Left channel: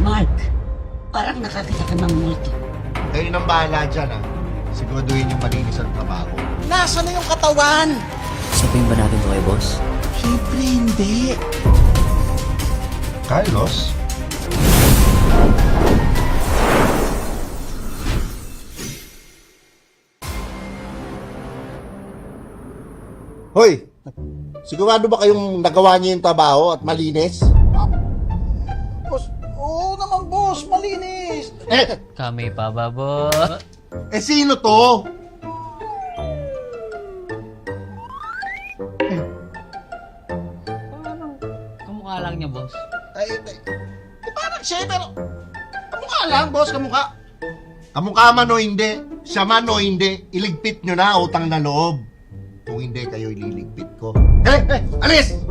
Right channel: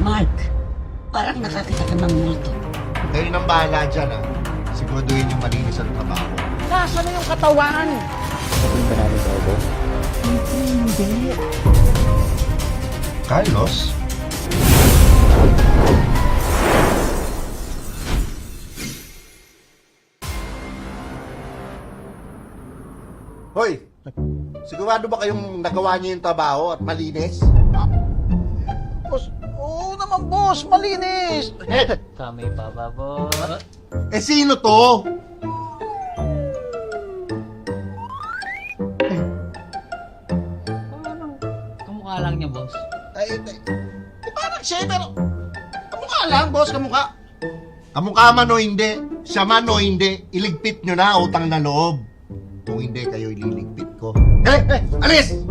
Mark, parang nakakita ka ng multo. Kayo nang bahala dyan, ha? Siguraduhin yung malinis ang trabaho. Nasaan na yung katawan? Sabihin ba natin kay boss? Siyempre hindi. Carlos? Hoy! Sigurado ba kayong nagawa niyo yung trabaho at malinis? Boss, oo naman boss, malinis. Kami pa ba, boss? Sino to? Parang kamukha lang niya, boss. Parang siya, pero kamukha lang, boss, kamukha. Kamukha man o hindi, siya man o hindi, iligpit nyo na utang na loob. Kung hindi kayo ililigpit ko. Alis!